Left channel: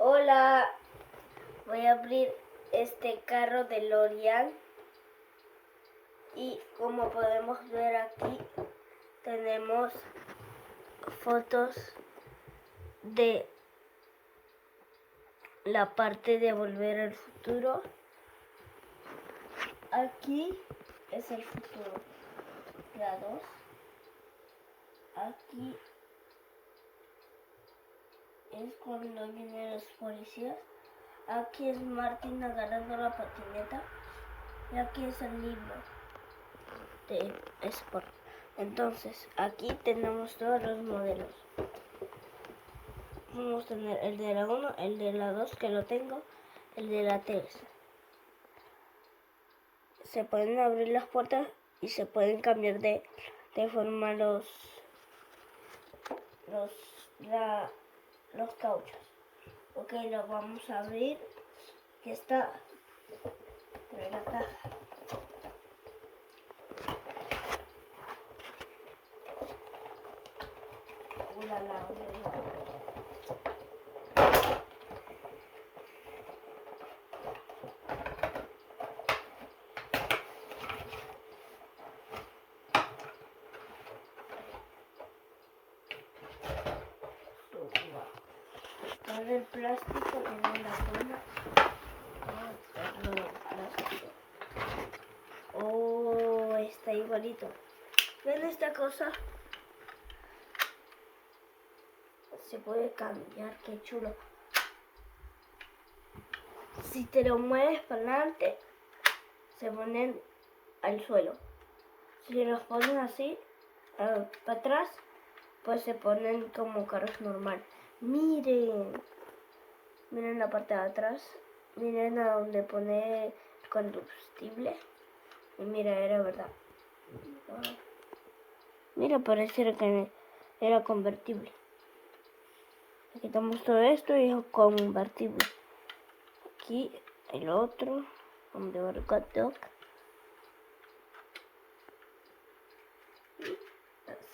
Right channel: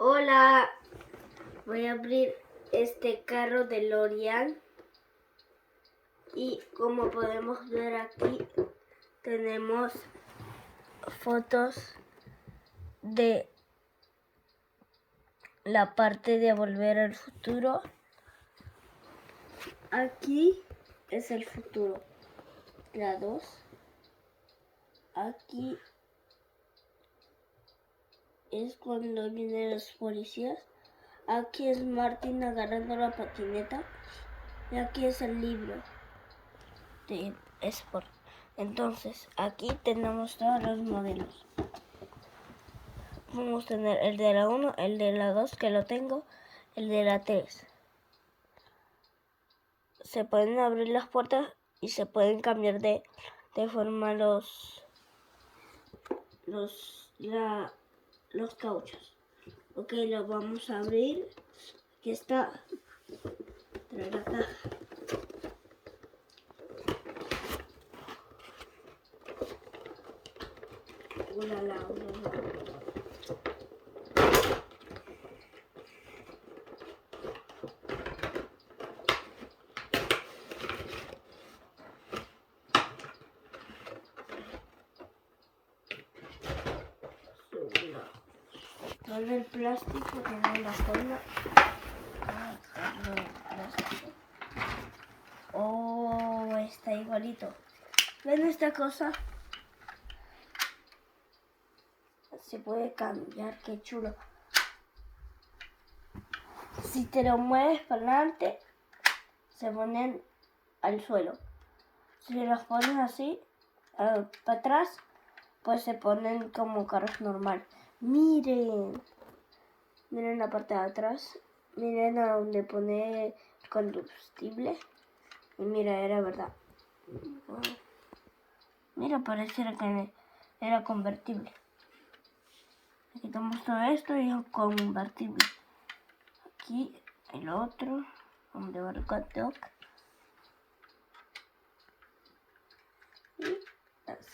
Hola, voy a abrir este carro de L'Oreal y como podemos ver aquí tenemos fotos de la parte de Volver al Futuro. Aquí es el futuro, la 2. Aquí es cuando vienen los policías. Aquí es Martin agarrando la patineta. Y aquí es el libro de Sport. Entonces, aquí tenemos todos los modelos. Vamos a tener el de la 1, el de la 2, que lo tengo, el de la 3. Se pueden abrir las puertas y se pueden cambiar de forma los cauchos. Ok, lo vamos a abrir. Aquí está. Trae la caja. Ulala. Todo el plástico tiene la forma. Oh, está igualito. ¿Ven esta cosa? Se puede cambiar, qué chulo. Si te lo mueves para adelante, se ponen al suelo. Si los pones así, para atrás, pues se ponen como carros normal. Miren la parte de atrás. Miren a donde pone combustible. Y mira, era verdad. Wow. Mira, pareciera que era convertible. Quitamos todo esto y es convertible. Aquí el otro, donde va el hot dog.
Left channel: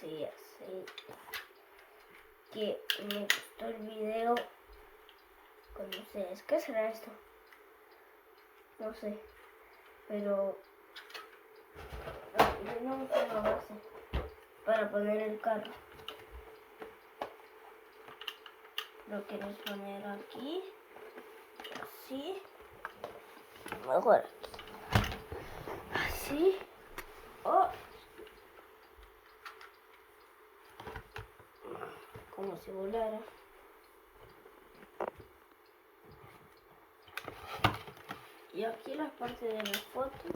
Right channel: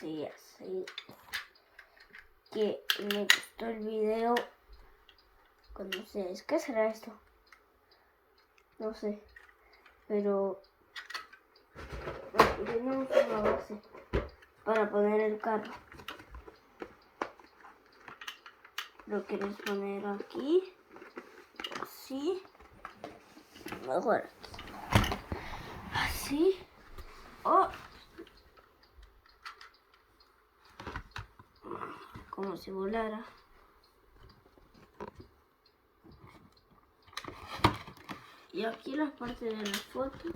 Y así. Que me gustó el video con ustedes. ¿Qué será esto? No sé. Pero tenemos una base para poner el carro. Lo quieres poner aquí. Así. Mejor así. O como si volara. Y aquí las partes de las fotos.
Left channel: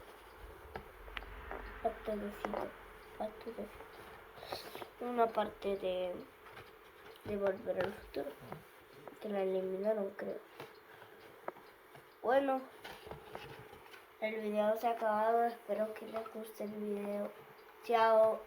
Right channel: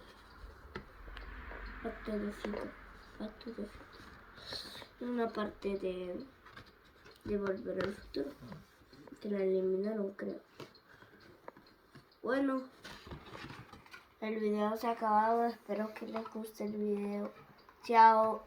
Una parte de Volver al Futuro. Que la eliminaron, creo. Bueno, el video se ha acabado. Espero que les guste el video. Chao.